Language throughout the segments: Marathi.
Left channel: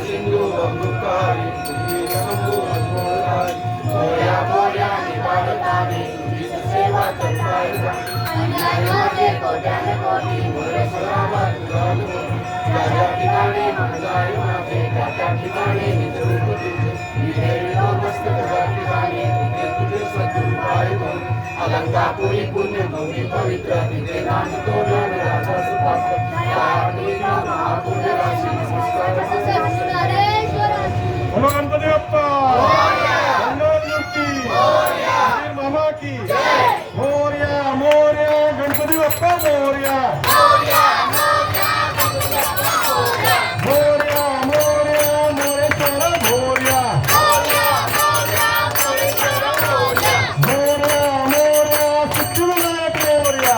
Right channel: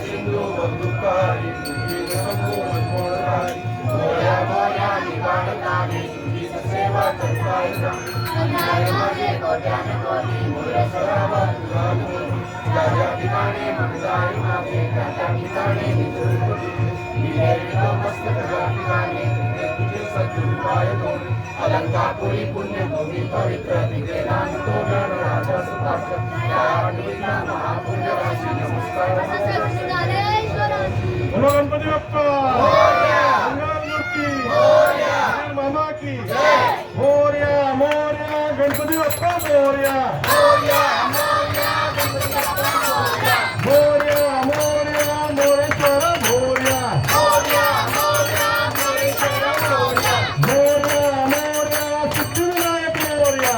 सिंधू बंधुकारी तुझी शंभू मनमोहनकारी मोर्या मोर्या निवाडताने तुझीच सेवा करता अन्यायामध्ये कोट्याने कोटी मोर सरावा तुझा मोठी ज्या ज्या ठिकाणी जाय माझे त्या त्या ठिकाणी निचूक तुझे विजय मस्तक ज्या ठिकाणी तुझे सद्गुरुपाय दोन अलंकापुरी पुण्यभूमी पवित्र तिथे नाम तोरण राजा सुपात्र त्या आठवीला महापुण्य राशी नमस्कार बोलो गणपती बाप्पा मंगलमूर्ती मामा की मोरया मोरया गणपती बाप्पा मोरया मोरया मोरया मोरेश्वर मोरया मोरया मोरया सिद्धिविनायक मोरया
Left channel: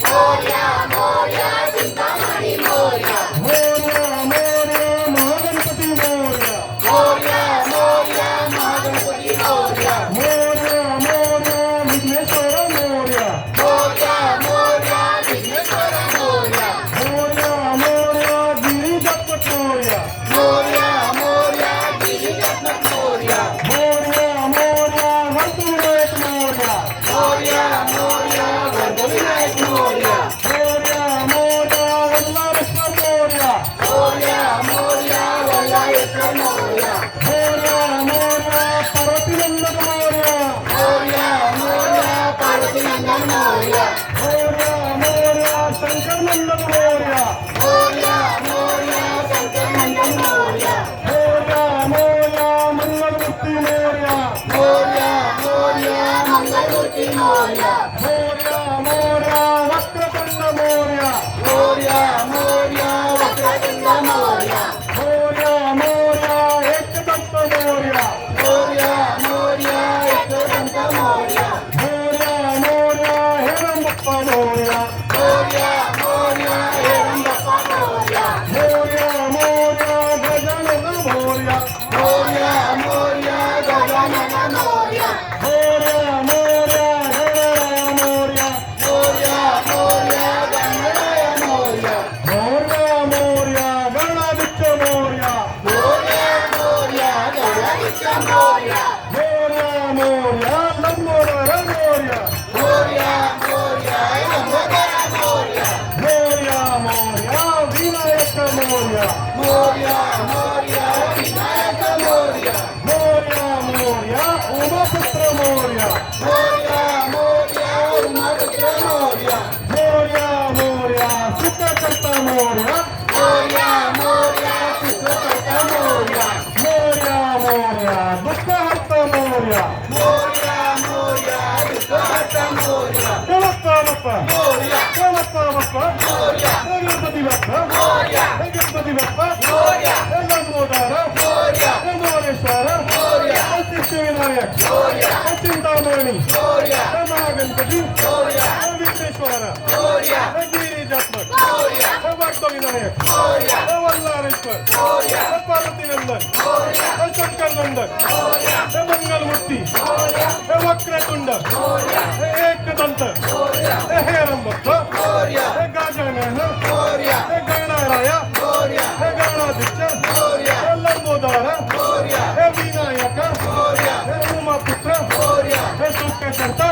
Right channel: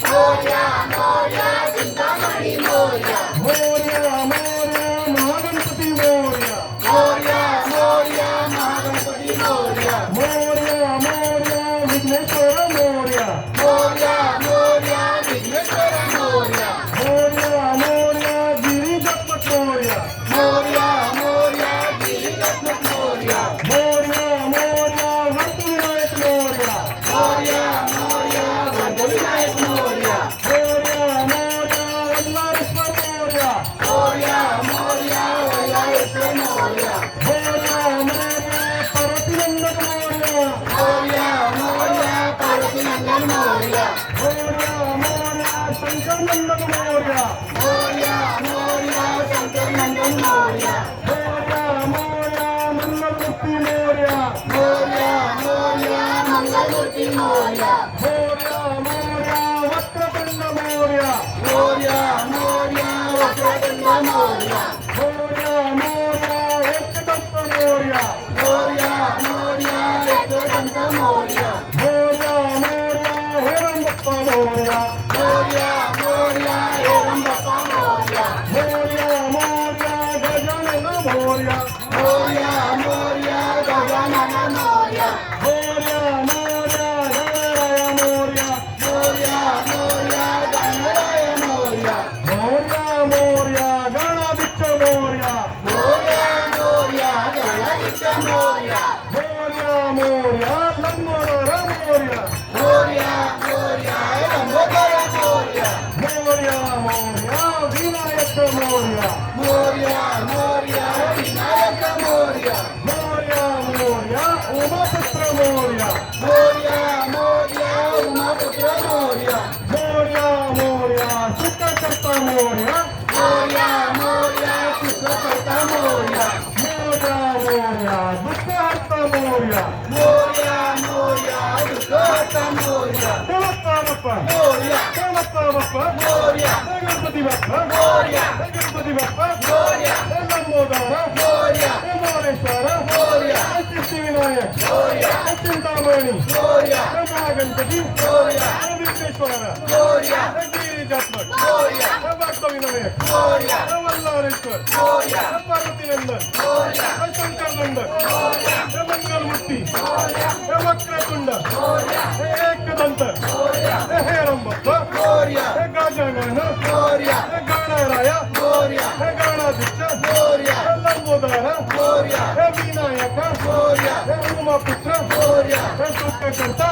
मोरया मोरया चिंतामणी मोरया मोरया मोरया महागणपती मोरया मोरया मोरया विघ्नेश्वर मोरया मोरया मोरया गिरिजात्मक मोरया मोरया मोरया हरविनायक मोरया मोरया मोरया वल्लारेश्वर मोरया मोरया पार्वतीनंदन मोरया मोरया शंकर नंदन मोरया मोरया मंगलमूर्ती मोरया मोरया वक्रतुंड मोरया एकदंत मोरया मोरया हेरम बप्पा मोरया मोरया गजानन मोरया मोरया गणराया मोरया गणाधिक्ष मोरया मोरया लंबोदर मोरया मोरया विनायक मोरया मोरया उमापुत्र मोरया मोरया सुखकर्ता मोरया मोरया दुःखहर्ता मोरया गणपा बाप्पा गणपती बाप्पा लंबोदर मोरेश्वर सिद्धिविनायक चिंतामणी महागणपती विघ्नेश्वर गिरिजात्मक भक्तविनायक वल्लारेश्वर पार्वतीनंदन शंकर नंदन मंगलमूर्ती वक्रतुंड एकदंत हेरम बप्पा गजानन गणराया गणाधिक्ष लंबोदर विनायक उमापुत्र सुखकर्ता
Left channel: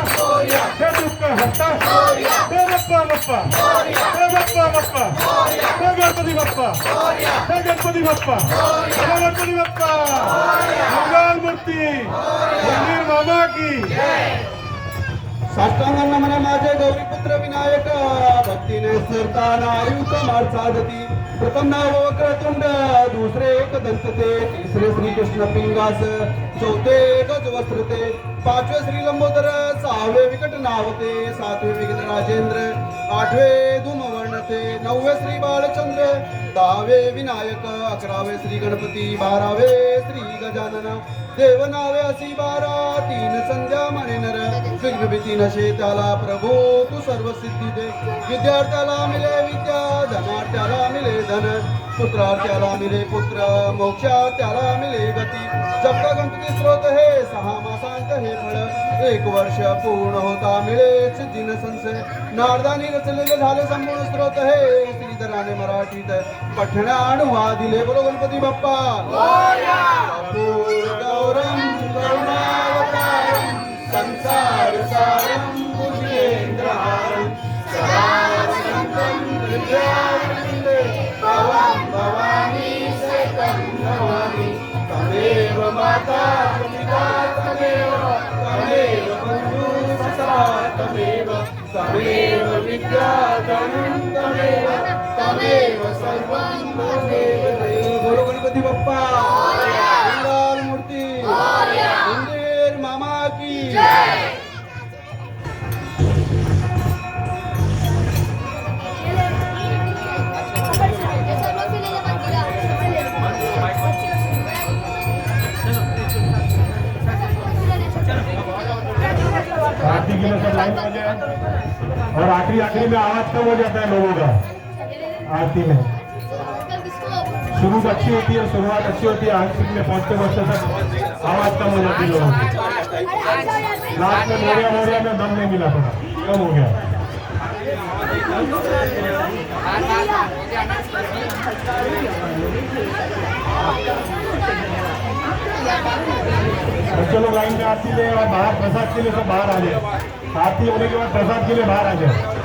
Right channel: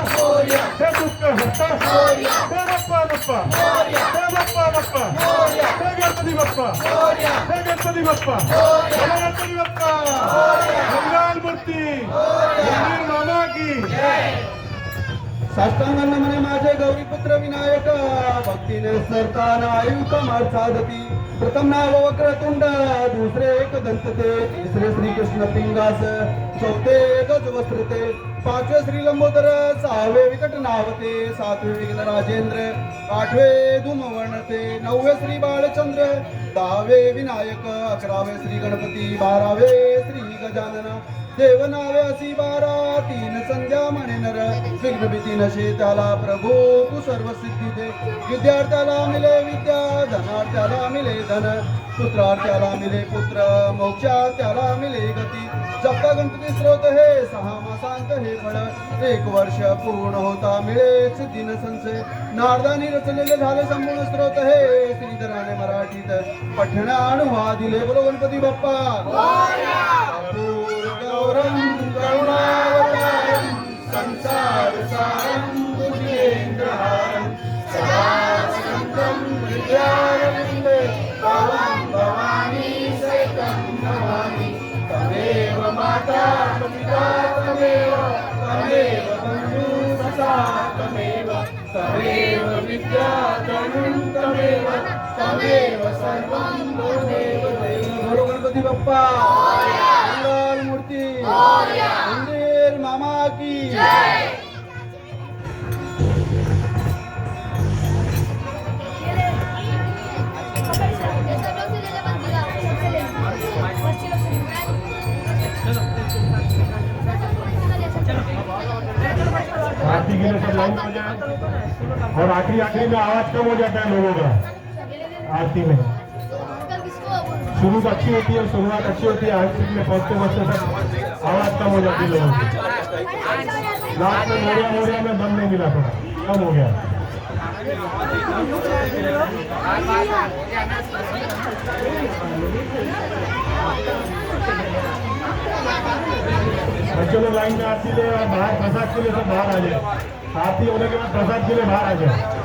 दुःखहर्ता बप्पा गणपती बाप्पा मंगलमूर्ती मामा की साष्टांगांना म्हणा माझे गौरीपुत्र विनायक भक्तीने सरताना आयुक्त माळ साधती प्रथम नाव वक्रतुंड दुसरे एकदंत ते तिसरे श्रीकृष्ण पिंगास चौथे ध्वज वस्त्रते पाचवे श्री लंबोदर सहावे विकट नावते सातवे विघ्न राजेंद्र आठवे धूमवर्णते नववे श्री बाळचंद्र दहावे विनायक अकरावे श्री गणपती बारावे श्री गजानन देव नावे असी बारा तीन संध्या म्हणे नर विघ्न भीती नशे त्याला प्रभू तू सर्व सिद्धी दे विद्यार्थ्याला मिले विद्या धनार्थ्याला मिले धन पुत्रार्थ्याला मिले पुत्र मोक्षार्थ्याला मिले गती जपता गणपती स्रोत हे 6 मासांत हे फळ 1 वर्ष पूर्ण होता मिळेच दिन संशय नारदानी रचलेले झाले संपूर्ण स्रोत हे श्रीधराने मराठीत पठणा अनुवादिले बोलो गणपती बाप्पा गौरम करुणावतारम संसार सारम भुजगेंद्रहारम सदा शांतं विद्यावन्दे भवां भवानी सहितं नमामि तमेव माता पिता तमेव बन्धु सखा तमेव विद्या तमेव सर्वं तमेव दैवं बोलो गणपती बाप्पा मंगल मूर्ती मंदिर मामा की आरती के लिए सब लाइन में जाए और आखिरी में आवाज कम हो जाता है लोगों का आरती में शुरू अच्छी होती है शुरुआत अच्छी होती है आखिर में पहुंचते तक आवाज कम हो जाती है लोगों की लास्ट में मोरिया में दम नहीं मिला थोड़ा कम हो गया बच्चे लोग लाइन में आरती ले और बाहर प्रसाद के लिए सब बाहर आ जाए आरती होने के बाद प्रसाद के लिए बाहर आ जाए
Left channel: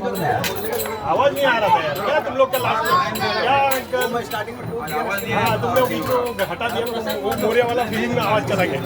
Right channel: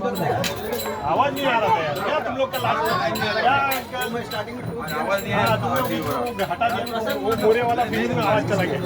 आवाज नहीं आ रहा था यार क्या तुम लोग का लास्ट क्या स्टार्टिंग में तुम लोग हटा दिया वो मोरिया वाला फीलिंग में आवाज चला गया